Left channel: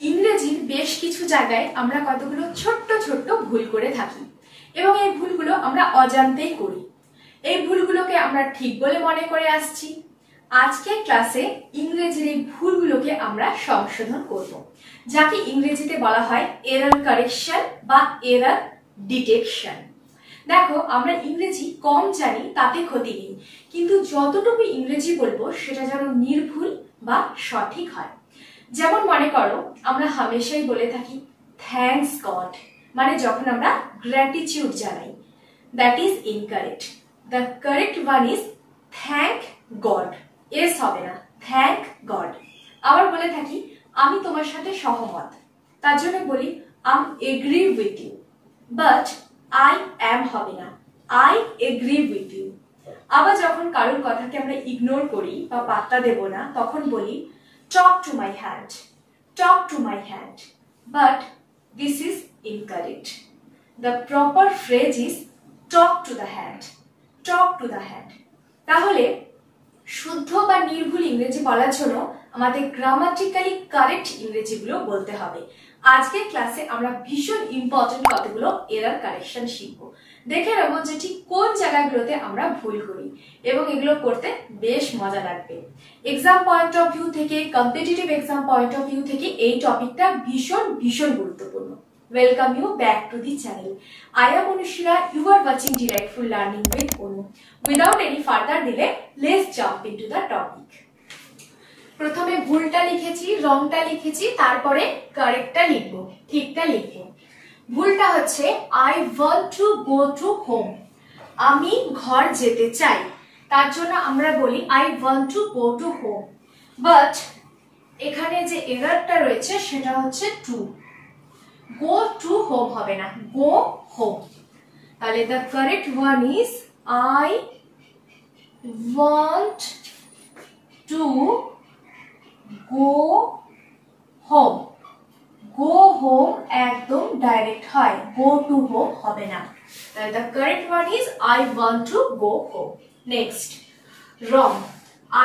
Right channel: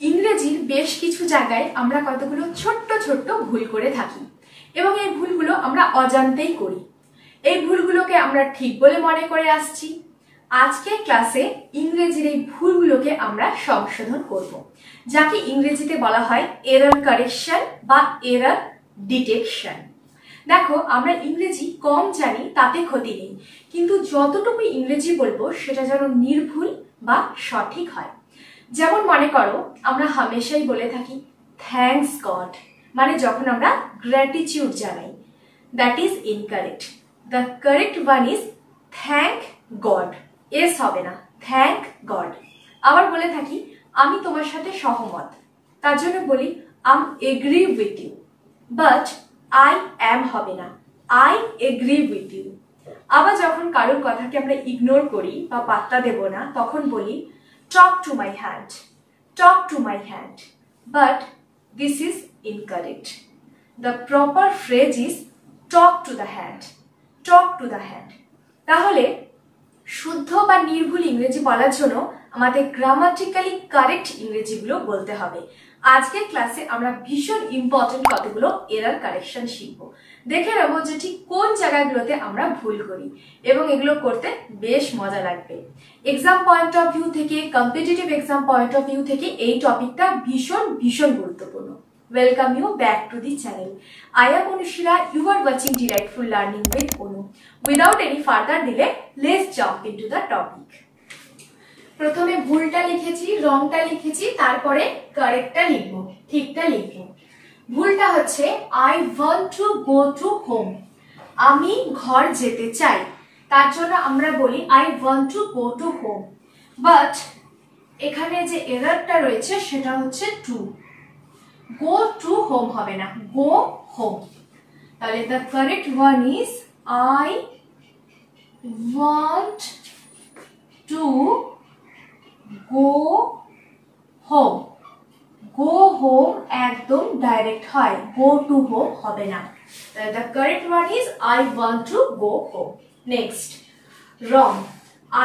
ইংরেজির বেশ কিছু জায়গায় আমরা কতগুলো ছোট্ট ছোট্ট ভুল করে থাকি এবং এই ভুলগুলো আমরা অজান্তেই করি। এই ভুলগুলোকে আমরা ঠিক বলে মনে করে আসছি। আজকের ক্লাসে ইংরেজির এই ভুলগুলোকে আমরা সংশোধন করব, যাকে ইংরেজিতে বলা হয় এরর কারেকশন বা এরর ডিটেকশন। দেখো, আমরা ইংরেজি কম জানি তাতে ক্ষতি নেই, কিন্তু যতটুকু ইংরেজি বলবো সেটা যেন নির্ভুল বা সঠিক হয়। যেমন মনে করো, আমরা হামেশাই বলে থাকি থ্যাঙ্কস গড, মানে যখন আমরা গ্র্যাটিটিউড জানাই। That is incorrect. The correct one is thank god. S হবে না, থ্যাঙ্ক গড। আবার বলে থাকি আমি তোমার সাথে সহমত, তার জন্য বলি I agree with you, but I am হবে না, আই এগ্রি উইথ ইউ। আবার যখন কারোর কথাকে আমরা ইগনোর করি বা পাত্তা দেব না, তখন বলি talk to my hand, talk to my hand, but this is incorrect. The proper phrase is talk to the hand, talk to the hand. তাহলে শুদ্ধ বা নির্ভুল ইংরেজি বলার জন্য আমাদের গ্রামাটিক্যালি কারেক্ট ইংরেজিগুলো বলতে হবে। আজকের ক্লাসে আমরা ভীষণ ইম্পর্টেন্ট কতগুলো এরর কারেকশন শিখবো। দেখে নেবো যে ঠিক কোন জায়গাগুলোতে আমরা ভুল করি এবং এগুলো করতে বেশ মজা লাগবে। এক্সাম পয়েন্ট অফ ভিউ থেকে, competitive exam point of view থেকে এই টপিকটা ভীষণ ভীষণ গুরুত্বপূর্ণ। Welcome you back to the channel. I am Anushira. You are watching Delightful Learning with Onu. Without any further delay, let's jump into the topic. প্রথমে ভুলটা লিখেছি, রংটা লিখেছি, তারপরে কারেক্টটা লিখবো, ঠিকটা লিখবো। ভুলটা হচ্ছে I want to go to home. আমি ঘর যেতে চাই, তার জন্য আমরা বলি I want to go to home. But এখানে যে এররটা রয়েছে সেটা হচ্ছে to. Go to home হবে না, go home. তাহলে the correct one is I want to go home. Go home একদম ডাইরেক্ট হয়, go to home হবে না। তাহলে the correct one is I want to go home. Next, wrong.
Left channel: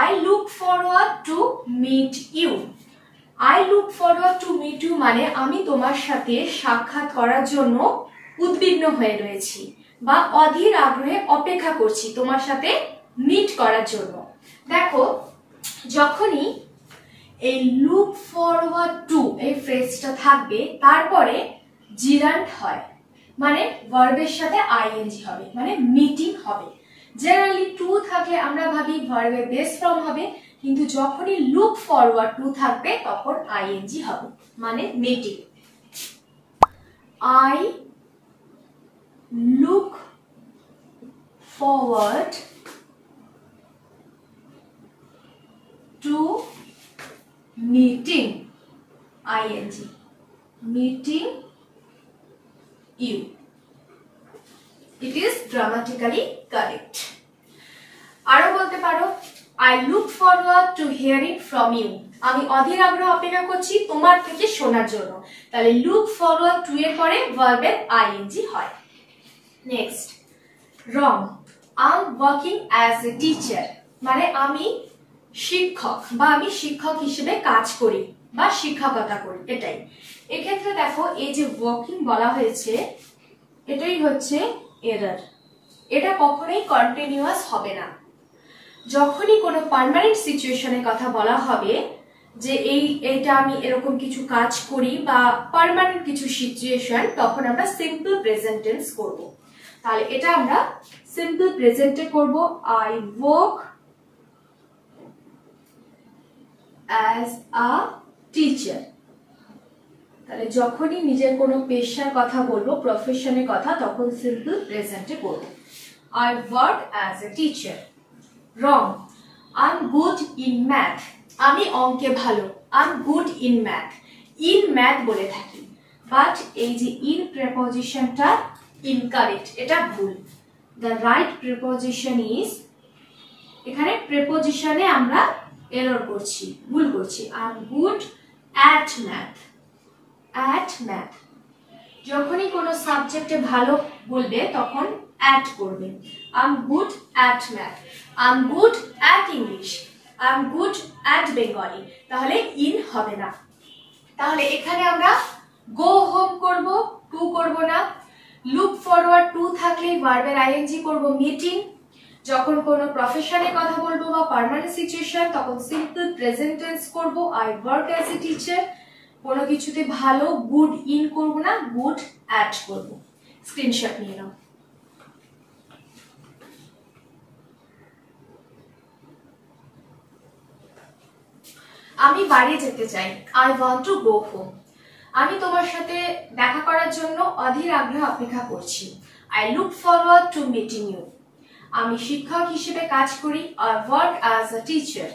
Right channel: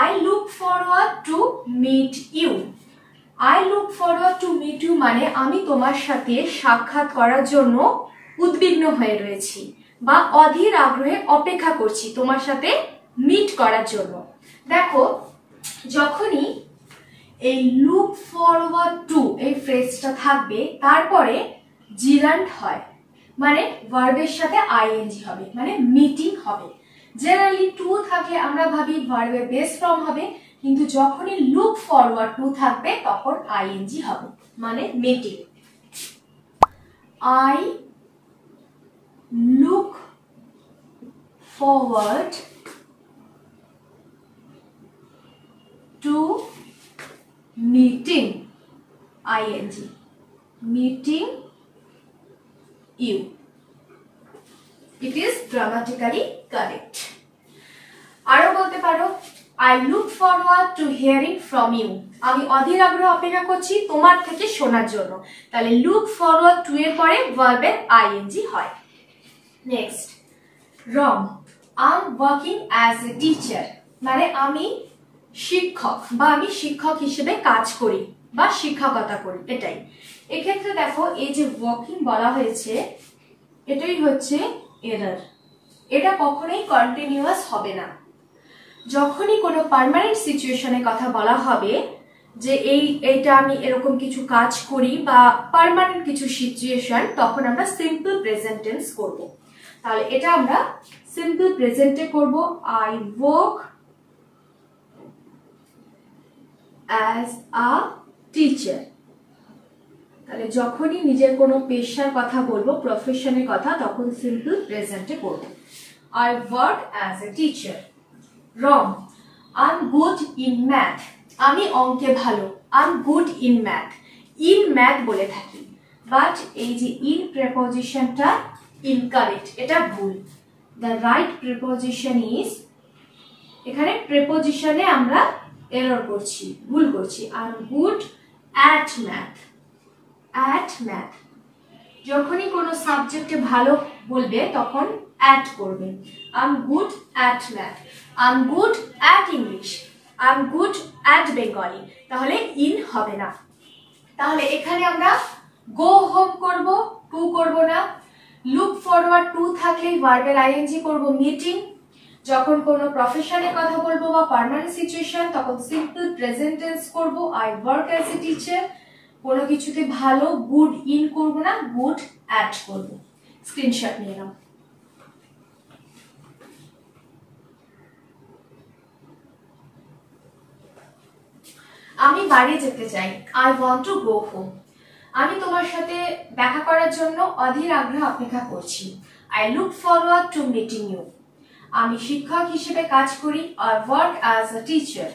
I look forward to meet you. I look forward to meet you মানে আমি তোমার সাথে সাক্ষাৎ করার জন্য উদ্বিগ্ন হয়ে রয়েছি বা অধীর আগ্রহে অপেক্ষা করছি তোমার সাথে মিট করার জন্য। দেখো, যখনই এই লুক ফরওয়ার্ড টু এই ফ্রেজটা থাকবে, তারপরে জিরান্ট হয়, মানে ভার্বের সাথে আইএনজি হবে, মানে মিটিং হবে। জেনারেলি টু থাকলে আমরা ভাবি ভার্বের বেস ফর্ম হবে, কিন্তু যখনই লুক ফরওয়ার্ড টু থাকবে তখন আইএনজি হবে, মানে meeting. I look forward two meeting, ing, meeting you. It is grammatically correct. আরো বলতে পারো I look forward to hearing from you. আমি অধীর আগ্রহে অপেক্ষা করছি তোমার থেকে শোনার জন্য। তাহলে look forward to এর পরে ভার্বের ing হয়। Next, wrong. I'm working as a teacher মানে আমি শিক্ষক বা আমি শিক্ষক হিসেবে কাজ করি বা শিক্ষকতা করি, এটাই। এক্ষেত্রে দেখো, এই যে ওয়ার্কিং বলা হয়েছে এটাই হচ্ছে এরর। এটা কখনোই কন্টিনিউয়াস হবে না। যখনই কোনো পার্মানেন্ট সিচুয়েশনের কথা বলা হবে যে এইটা আমি এরকম কিছু কাজ করি বা পার্মানেন্ট কিছু সিচুয়েশন, তখন আমরা সিম্পল প্রেজেন্ট টেন্স করব। তাহলে এটা আমরা সিম্পল প্রেজেন্টে করব, I work as a teacher. তাহলে যখনই নিজের কোনো পেশার কথা বলবো, প্রফেশনের কথা, তখন সিম্পল প্রেজেন্টে করব, I work as a teacher. Wrong. I'm good in math. আমি অঙ্কে ভালো, I'm good in math. In math বলে থাকি, বাট এই যে in প্রিপজিশনটা ইনকারেক্ট, এটা ভুল। The right preposition is, এখানে প্রিপজিশনে আমরা এরর করছি, ভুল করছি। I'm good at math. At math. যখনই কোনো সাবজেক্টে ভালো বলবে তখন at করবে। I'm good at math. I'm good at English. I'm good at Bengali. তাহলে in হবে না। তাহলে এখানে আমরা গো হোম করব, টু করব না। লুক ফরওয়ার্ড টু থাকলে ভার্বের আইএনজি করব মিটিং। যখন কোনো প্রফেশনে কথা বলবো বা পার্মানেন্ট সিচুয়েশন তখন সিম্পল প্রেজেন্ট টেন্স করব, I work as a teacher. কোনো কিছুতে ভালো গুড ইন করব না, গুড অ্যাড করব। স্ক্রিনশট নিয়ে নাও। আমি বাড়ি যেতে চাই, I want to go home. আমি তোমার সাথে দেখা করার জন্য অধীর আগ্রহ অপেক্ষা করছি, I look forward to meeting you. আমি শিক্ষক হিসেবে কাজ করি, I work as a teacher.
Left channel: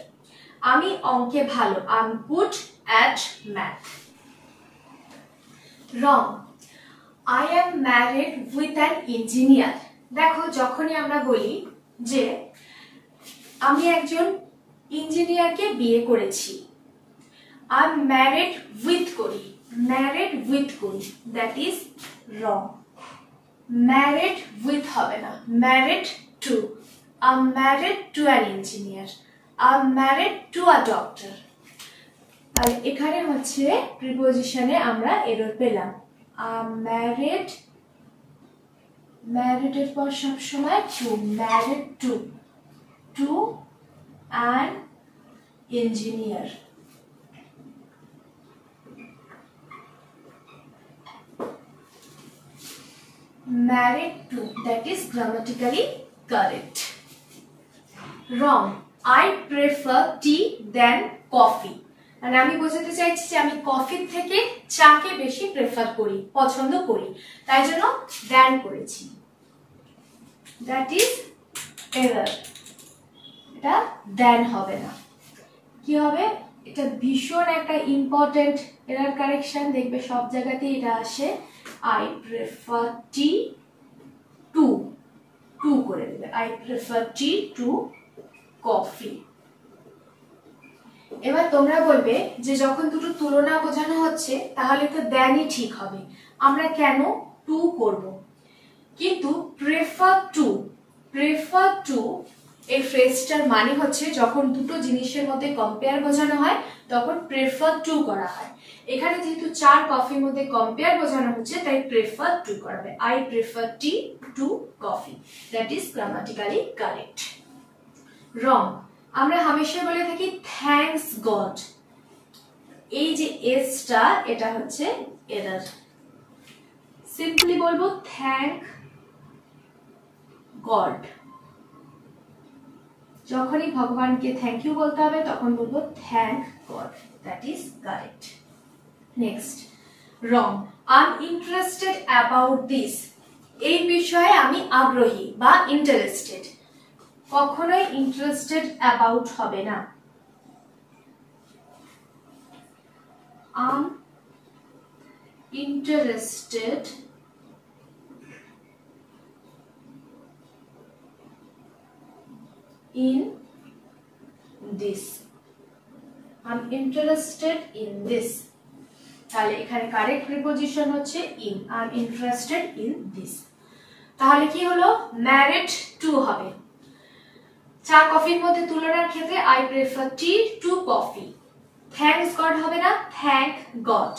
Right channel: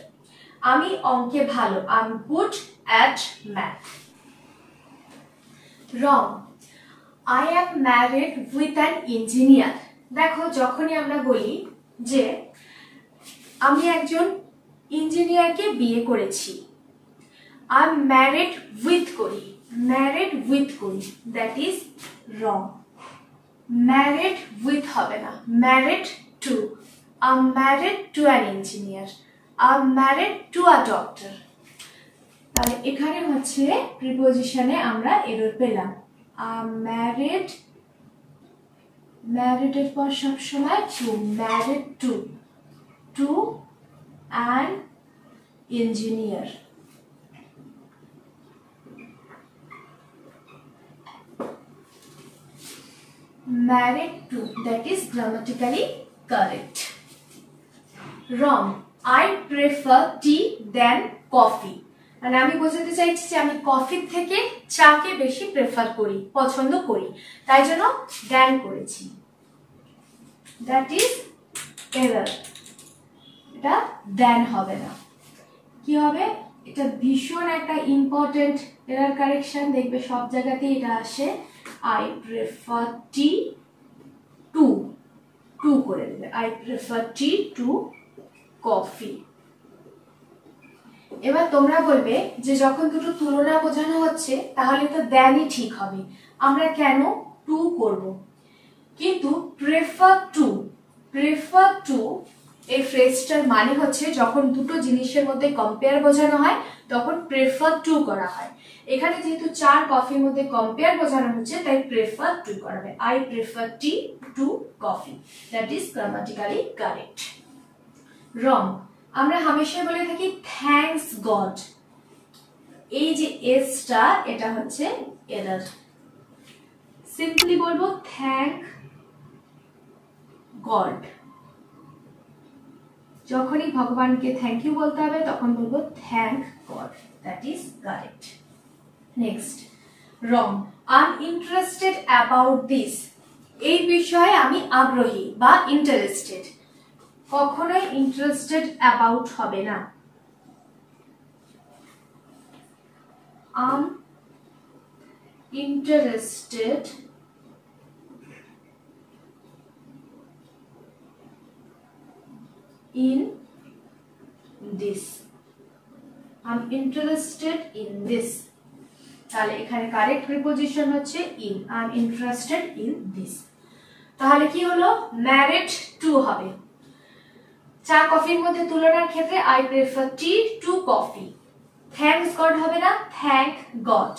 আমি অঙ্কে ভালো, I am good at math. Wrong, I am married with an engineer. দেখো যখনই আমরা বলি যে আমি একজন ইঞ্জিনিয়ারকে বিয়ে করেছি, আই এম ম্যারিড উইথ করি, ম্যারিড উইথ করি, that is wrong. Married with হবে না, married to. I am married to an engineer, I am married to a doctor. তাহলে এখানে হচ্ছে প্রিপোজিশনে আমরা এরর পেলাম। আই এম ম্যারিড, ম্যারিডের পর সবসময় to, married to, to an engineer. Married to, that is grammatically correct. Wrong, I prefer tea than coffee. মানে আমি বোঝাতে চাইছি যে আমি কফির থেকে চাকে বেশি প্রেফার করি, পছন্দ করি, তাই জন্য than করেছি। That is error. এটা than হবে না, কি হবে? এটা ভীষণ একটা ইম্পর্টেন্ট এরর কারেকশন, দেখবে সব জায়গাতেই এটা আসে। I prefer tea to, to করে দেবে, I prefer tea to coffee। এবার তোমরা বলবে যে যখন দুটো তুলনা বোঝানো হচ্ছে তাহলে তো than-ই ঠিক হবে, আমরা কেন to করব? কিন্তু prefer to, prefer to এই ফ্রেজটার মানে হচ্ছে যখন দুটো জিনিসের মধ্যে কম্পেয়ার বোঝানো হয় তখন prefer to করা হয়। এখানে যেহেতু চার কফির মধ্যে কম্পেয়ার বোঝানো হচ্ছে তাই prefer to করবে, I prefer tea to coffee, that is grammatically correct. Wrong, আমরা হামেশা বলে থাকি thanks God, এই যে এসটা এটা হচ্ছে এরর। সিম্পলি বলবো thank God। যখনই ভগবানকে থ্যাংক ইউ বলতে হবে তখন বলবো thank god, that is correct. Next, wrong, I am interested about this. এই বিষয়ে আমি আগ্রহী বা ইন্টারেস্টেড, কখনোই ইন্টারেস্টেড অ্যাবাউট হবে না। I am interested in this, I'm interested in this। তাহলে এখানে কারেক্ট প্রিপোজিশন হচ্ছে in, I'm interested in this। তাহলে কি হলো? married to হবে। চা কফির মধ্যে তুলনার ক্ষেত্রে I prefer tea to coffee। thanks God হবে না, thank God।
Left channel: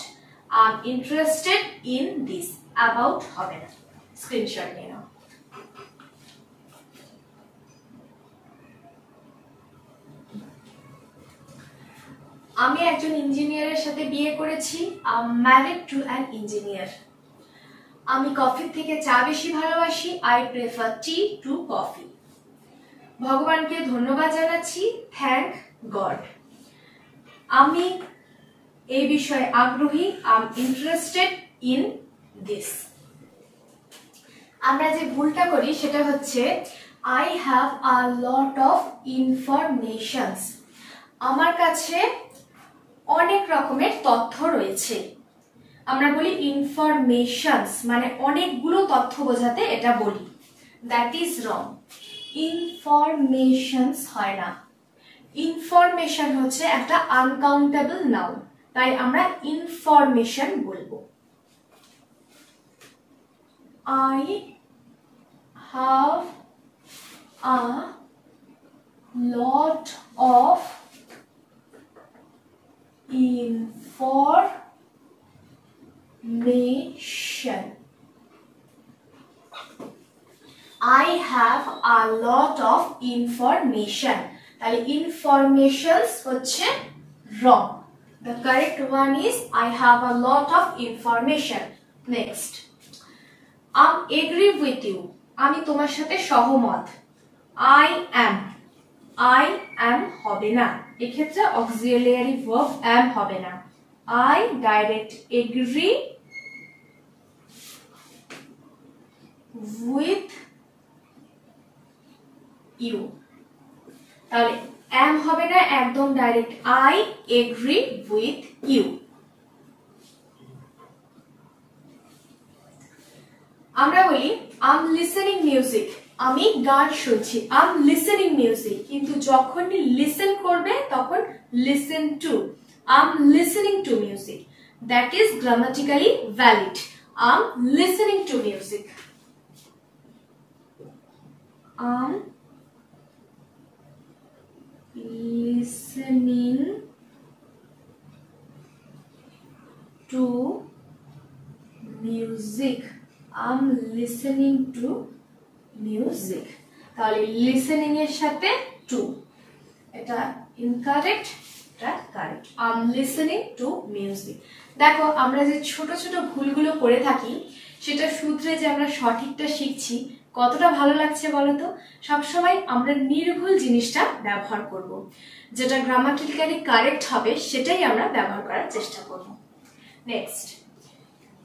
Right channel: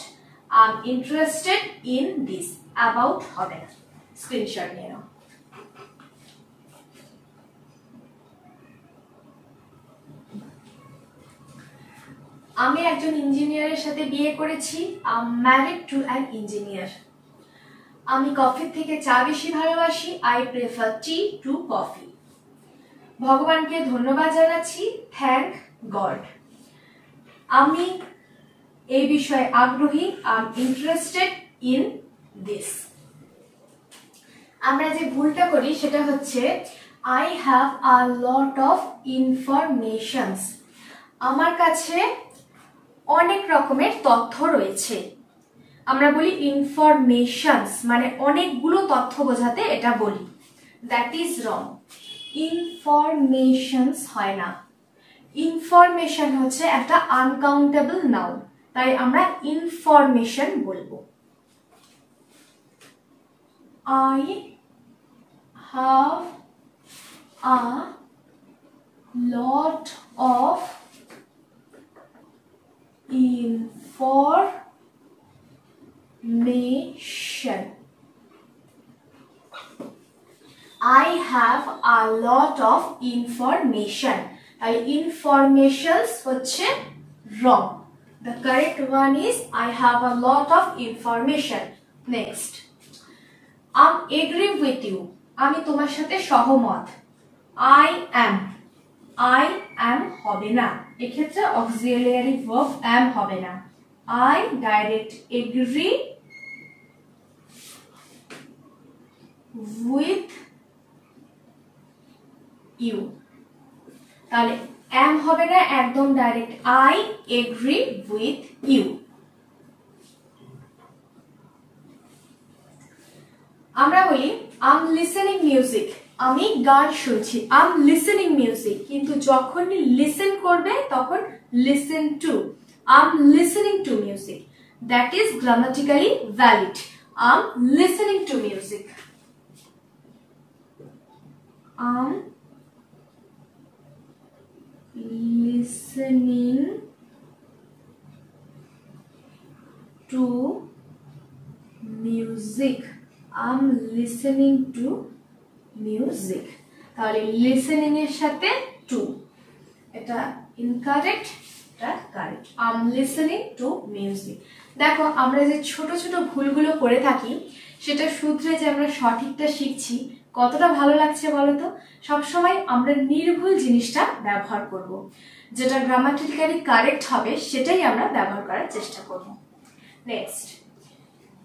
I'm interested in this, about হবে না। স্ক্রিনশট নিয়ে নাও। আমি একজন ইঞ্জিনিয়ারের সাথে বিয়ে করেছি, I am married to an engineer. আমি কফির থেকে চা বেশি ভালোবাসি, I prefer T to coffee. ভগবানকে ধন্যবাদ জানাচ্ছি, থ্যাংক গড। আমি এই বিষয়ে আগ্রহী, I am interested in this. আমরা যে ভুলটা করি সেটা হচ্ছে I have a lot of informations. আমার কাছে অনেক রকমের তথ্য রয়েছে। আমরা বলি ইনফরমেশনস, মানে অনেকগুলো তথ্য বোঝাতে এটা বলি, দ্যাট ইজ রং। ইনফরমেশনস হয় না, ইনফরমেশন হচ্ছে একটা আনকাউন্টেবল নাউন, তাই আমরা ইনফরমেশন বলবো। I have a lot of information. I have a lot of information. তাহলে informations হচ্ছে wrong. The correct one is I have a lot of information. Next, I agree with you. আমি তোমার সাথে সহমত. I am হবে না, এক্ষেত্রে auxiliary verb am হবে না. I direct agree with you. তাহলে am হবে না, একদম direct I agree with you. আমরা বলি I'm listening music. আমি গান শুনছি, I'm listening music, কিন্তু যখনই listen করবে তখন listen to. I'm listening to music. That is grammatically valid. I'm listening to music. I'm listening to music. I'm listening to music. তাহলে listening এর সাথে to, এটা incorrect, এটা correct. I'm listening to music. দেখো আমরা যে ছোট ছোট ভুলগুলো করে থাকি সেটা শুধরে যে আমরা সঠিকটা শিখছি, কতটা ভালো লাগছে বলো তো। সবসময় আমরা নির্ভুল জিনিসটা ব্যবহার করব, যেটা গ্রামাটিক্যালি কারেক্ট হবে সেটাই আমরা ব্যবহার করার চেষ্টা করব। Next,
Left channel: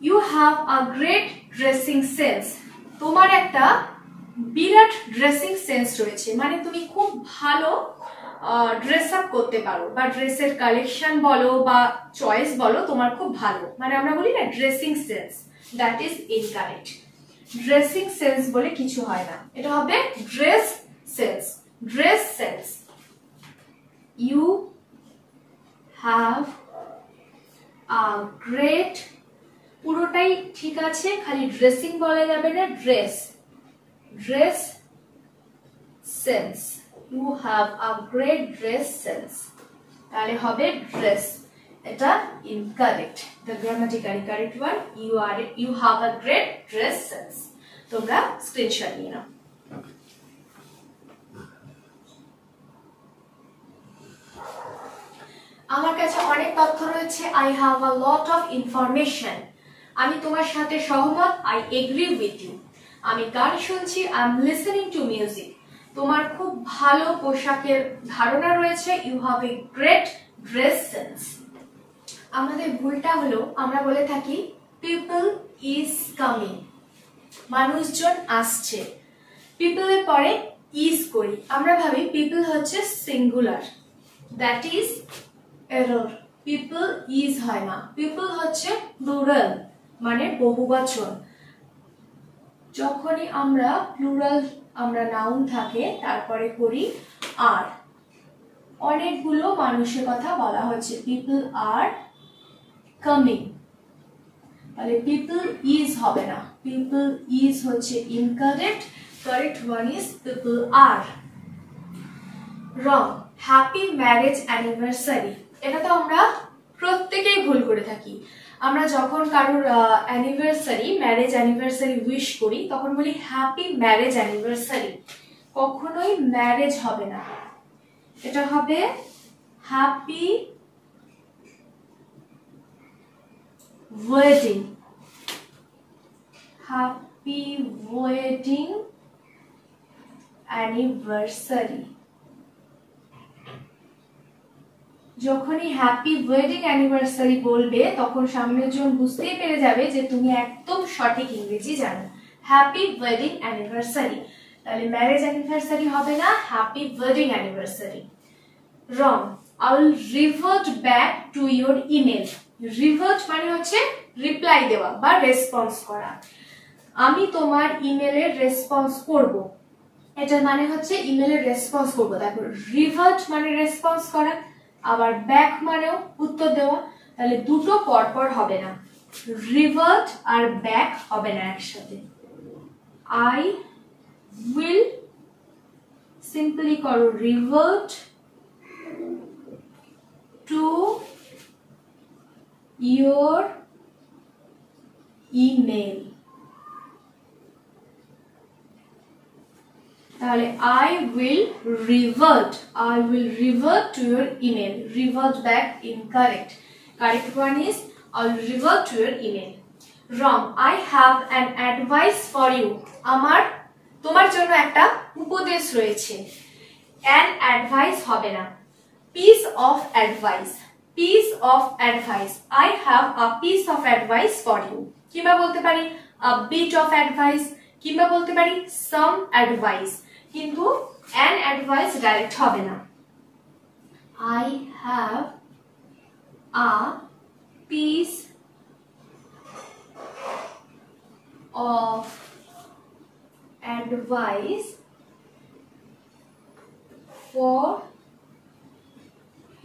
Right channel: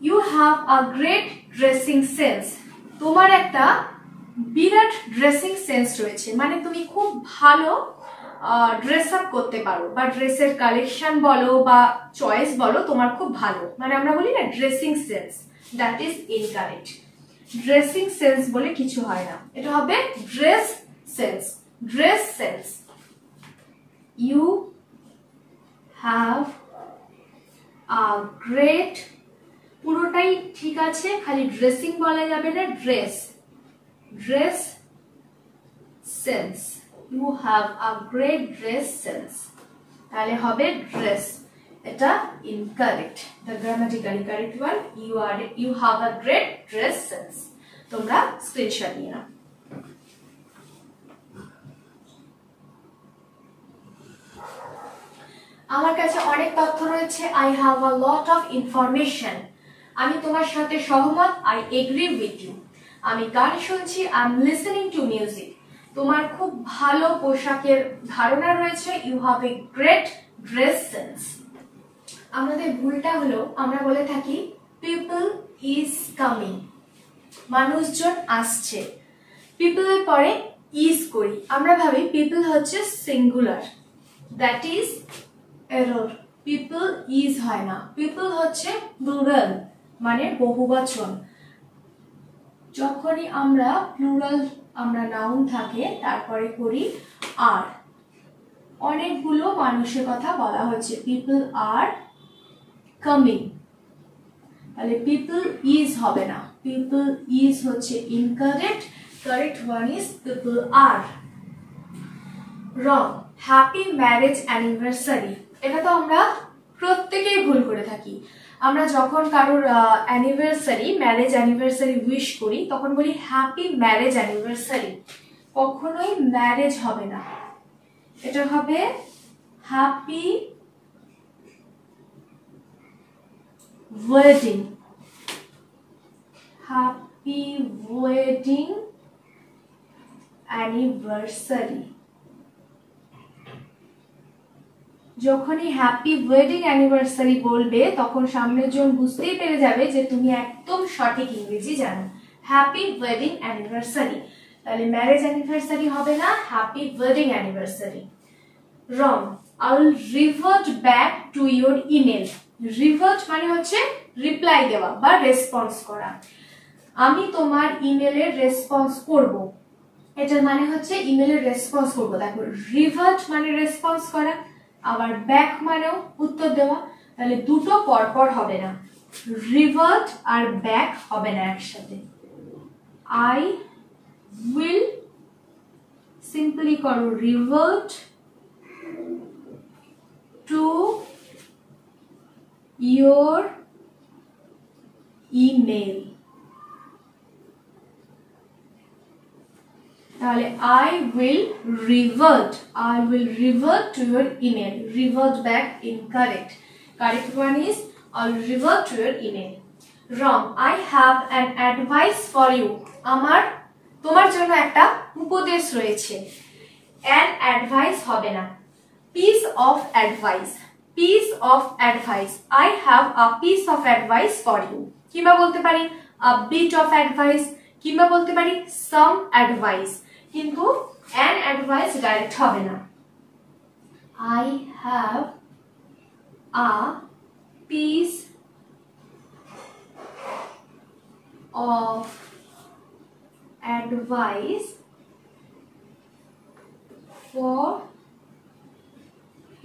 you have a great dressing sense. তোমার একটা বিরাট ড্রেসিং সেন্স রয়েছে, মানে তুমি খুব ভালো ড্রেস আপ করতে পারো, বা ড্রেসের কালেকশন বলো বা চয়েস বলো তোমার খুব ভালো, মানে আমরা বলি না dressing sense. That is incorrect. Dressing sense বলে কিছু হয় না, এটা হবে dress sense. Dress sense. You have a great, পুরোটাই ঠিক আছে, খালি ড্রেসিং বলা যাবে না, dress. Dress sense. You have a great dress sense, তাহলে হবে ড্রেস। এটা incorrect. The grammatically correct one, you have a great dress sense. তোমরা স্ক্রিনশট নিয়ে নাও। আমার কাছে অনেক তথ্য রয়েছে। I have a lot of information. আমি তোমার সাথে সহমত। I agree with you. আমি গান শুনছি। I am listening to music. তোমার খুব ভালো পোশাকের ধারণা রয়েছে। You have a great dress sense. আমাদের ভুলটা হলো আমরা বলে থাকি পিপল ইজ কামিং, মানুষজন আসছে। পিপল এর পরে ইজ করি, আমরা ভাবি পিপল হচ্ছে singular. That is error. People is হয় না, পিপল হচ্ছে প্লুরাল, মানে বহুবচন। যখনই আমরা প্লুরাল, আমরা নাউন থাকে তারপরে করি আর। অনেকগুলো মানুষের কথা বলা হচ্ছে, পিপল আর কামিং, তাহলে পিপল ইজ হবে না, পিপল ইজ হচ্ছে incorrect. Correct one is people are. Wrong. Happy marriage anniversary. এটা তো আমরা প্রত্যেকেই ভুল করে থাকি। আমরা যখন কারোর অ্যানিভার্সারি, ম্যারেজ অ্যানিভার্সারি উইশ করি তখন বলি হ্যাপি ম্যারেজ অ্যানিভার্সারি। কখনোই ম্যারেজ হবে না, এটা হবে happy wedding. Happy wedding anniversary. যখনই হ্যাপি ওয়েডিং অ্যানিভার্সারি বলবে তখন সামনের জন বুঝতেই পেরে যাবে যে তুমি একদম সঠিক ইংরেজি জানো। হ্যাপি ওয়েডিং অ্যানিভার্সারি, তাহলে ম্যারেজ অ্যানিভার্সারি হবে না, happy wedding anniversary. Wrong. I will revert back to your email. Revert মানে হচ্ছে রিপ্লাই দেওয়া বা রেসপন্স করা। আমি তোমার ইমেলের রেসপন্স করব, এটার মানে হচ্ছে ইমেলের রেসপন্স করব। দেখো রিভার্ট মানে রেসপন্স করা, আবার ব্যাক মানেও উত্তর দেওয়া, তাহলে দুটো পরপর হবে না, রিভার্ট আর ব্যাক হবে না একসাথে। আই উইল, সিম্পলি করো রিভার্ট টু ইয়োর email. তাহলে I will revert to your email. Revert back, incorrect. Correct one is I will revert to your email. Wrong. I have an advice for you. আমার তোমার জন্য একটা উপদেশ রয়েছে। An advice হবে না, piece of advice. Piece of advice. I have a piece of advice for you. কিংবা বলতে পারি a bit of advice, কিংবা বলতে পারি some advice, কিন্তু an advice ডাইরেক্ট হবে না। I have a piece of advice for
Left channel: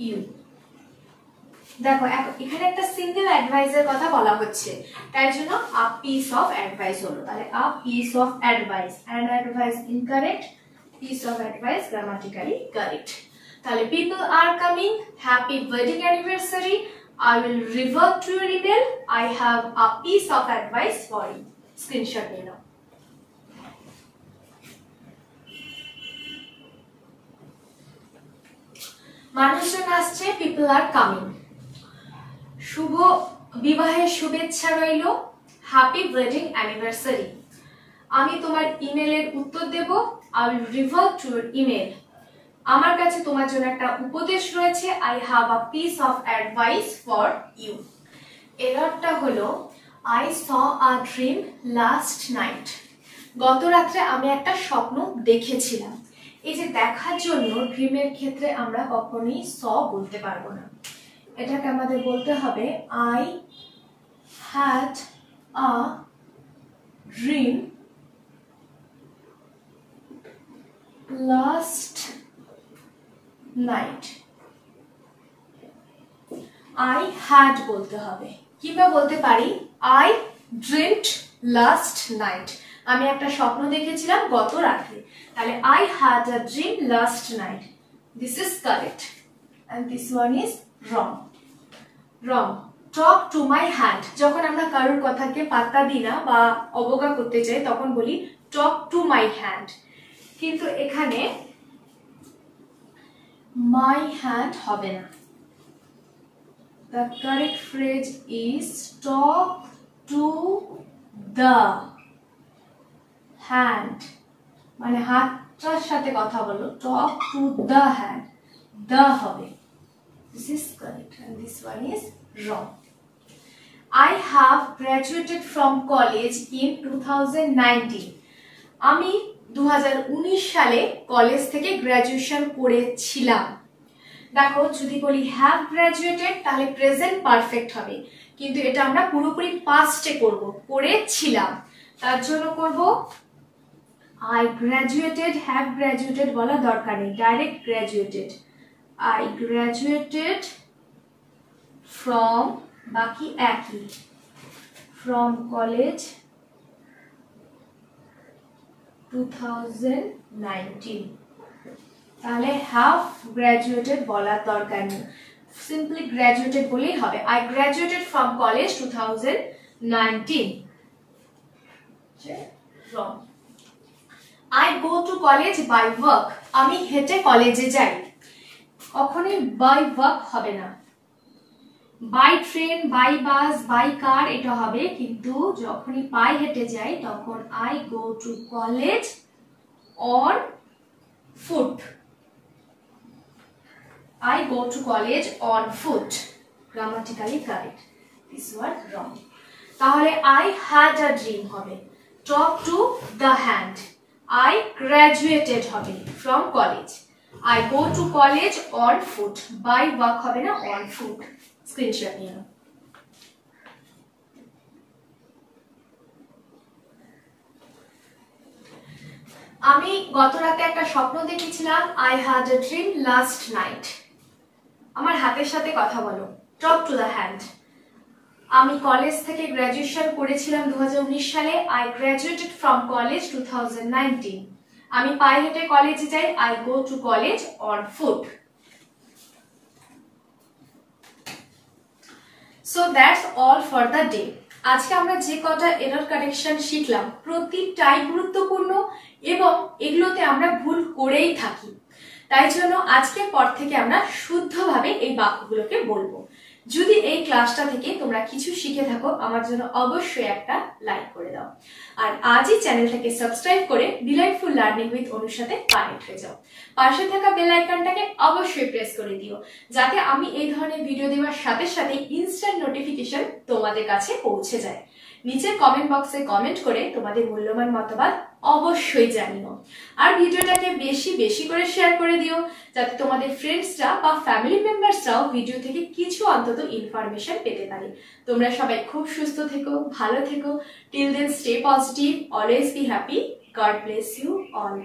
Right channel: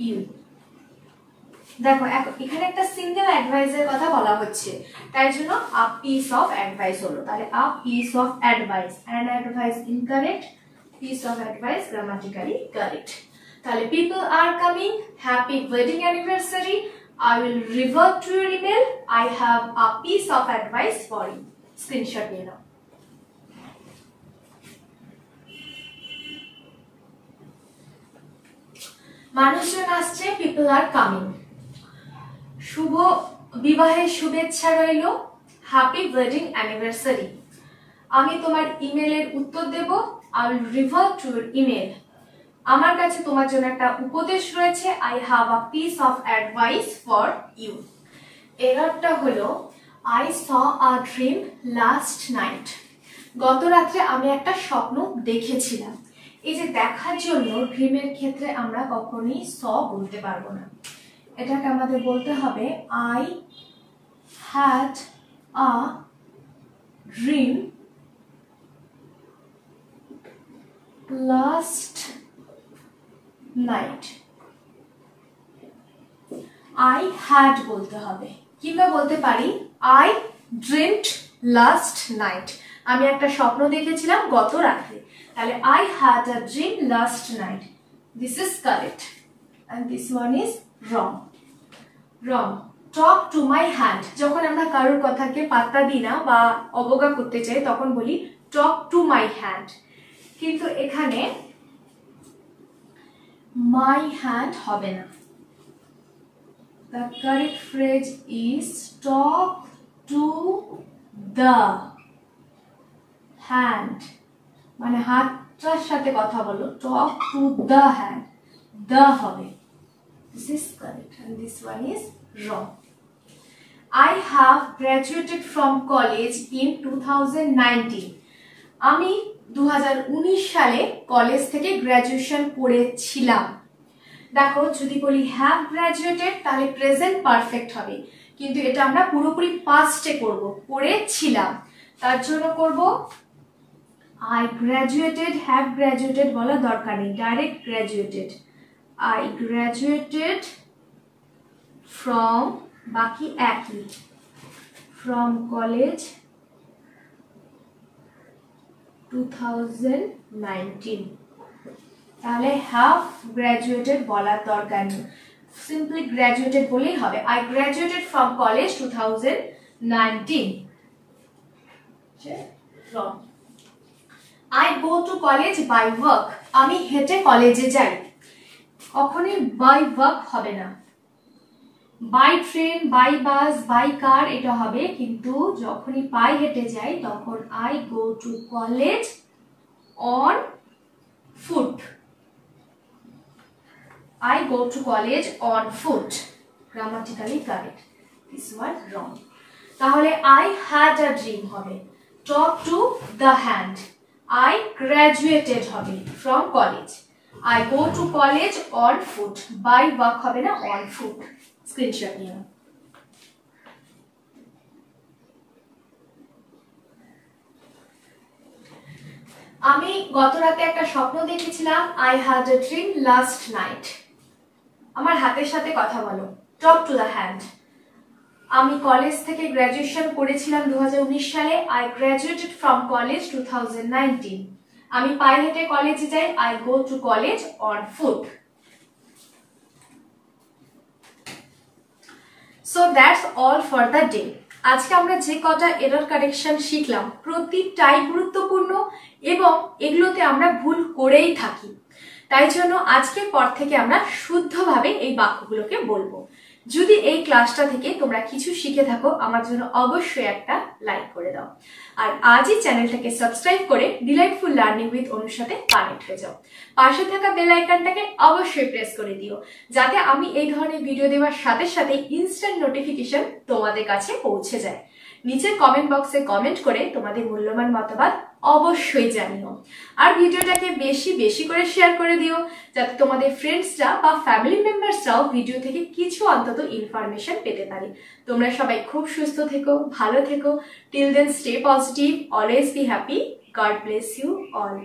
you. দেখো এখানে একটা সিঙ্গেল অ্যাডভাইসের কথা বলা হচ্ছে, তাই জন্য a piece of advice হলো। তাহলে a piece of advice, and advice incorrect, piece of advice grammatically correct। তাহলে people are coming, happy wedding anniversary, I will revert to your email, I have a piece of advice for you। Screenshot নিয়ে নাও। মানুষজন আসছে, people are coming। শুভ বিবাহের শুভেচ্ছা রইল, happy wedding anniversary. আমি তোমার ইমেলের উত্তর দেব, I will revert to your email। আমার কাছে তোমার জন্য একটা উপদেশ রয়েছে, I have a piece of advice for you। এররটা হলো I saw a dream last night। গত রাত্রে আমি একটা স্বপ্ন দেখেছিলাম। এই যে দেখার জন্য ড্রিমের ক্ষেত্রে আমরা কখনোই saw বলতে পারবো না, এটাকে আমাদের বলতে হবে I had a dream last night। I had বলতে হবে, কিংবা বলতে পারি I dreamt last night। আমি একটা স্বপ্ন দেখেছিলাম গত রাতে। তাহলে I had a dream last night। This is correct and this one is wrong। Wrong. Talk to my hand। যখন আমরা কারোর কথাকে পাত্তা দিই না বা অবজ্ঞা করতে চাই তখন বলি talk to my hand, কিন্তু এখানে my hand হবে না। The correct phrase is talk to the hand, মানে হাতটার সাথে কথা বলো, talk to the hand, the হবে। This is correct and this one is wrong। I have graduated from college in 2019। আমি 2019 সালে কলেজ থেকে গ্র্যাজুয়েশন করেছিলাম। দেখো যদি বলি have graduated তাহলে প্রেজেন্ট পারফেক্ট হবে, কিন্তু এটা আমরা পুরোপুরি পাস্টে করব, করেছিলাম। তার জন্য করব I graduated, have graduated বলা দরকার নেই, direct graduated। I graduated from, বাকি একই, from college 2019। তাহলে have graduated বলার দরকার নেই, simply graduated বলেই হবে। I graduated from college 2019। Wrong. I go to college by work। আমি হেঁটে কলেজে যাই। কখনোই by work হবে না, by train, by bus, by car এটা হবে, কিন্তু যখনই পায়ে হেঁটে যাই তখন I go to college on foot। I go to college on foot। Grammatically correct। This one wrong। তাহলে I had a dream হবে, talk to the hand। I graduated হবে from college। I go to college on foot। by work হবে না, on foot। Screenshot নিয়ে নাও। আমি গত রাতে একটা স্বপ্ন দেখেছিলাম, I had a dream last night। আমার হাতের সাথে কথা বলো, talk to the hand। আমি কলেজ থেকে গ্র্যাজুয়েশন করেছিলাম 2019 সালে, I graduated from college 2019। আমি পায়ে হেঁটে কলেজে যাই, I go to college on foot। So that's all for the day। আজকে আমরা যে কটা এরর কারেকশন শিখলাম প্রতিটাই গুরুত্বপূর্ণ এবং এগুলোতে আমরা ভুল করেই থাকি। তাই জন্য আজকের পর থেকে আমরা শুদ্ধভাবে এই বাক্যগুলোকে বলবো। যদি এই ক্লাসটা থেকে তোমরা কিছু শিখে থাকো আমার জন্য অবশ্যই একটা লাইক করে দাও, আর আজই চ্যানেলটাকে সাবস্ক্রাইব করে ডিলাইটফুল লার্নিং উইথ অনুর সাথে কানেক্ট হয়ে যাও। পাশে থাকা বেল আইকনটাকে অবশ্যই প্রেস করে দিও যাতে আমি এই ধরনের ভিডিও দেওয়ার সাথে সাথে ইনস্ট্যান্ট নোটিফিকেশন তোমাদের কাছে পৌঁছে যায়। নিচে কমেন্ট বক্সে কমেন্ট করে তোমাদের মূল্যবান মতামত অবশ্যই জানিও, আর ভিডিওটাকে বেশি বেশি করে শেয়ার করে দিও যাতে তোমাদের ফ্রেন্ডসরা বা ফ্যামিলি মেম্বার্সরাও ভিডিও থেকে কিছু অন্তত ইনফরমেশন পেতে পারে। তোমরা সবাই খুব সুস্থ থেকো, ভালো থেকো। Till then stay positive, always be happy. God bless you all.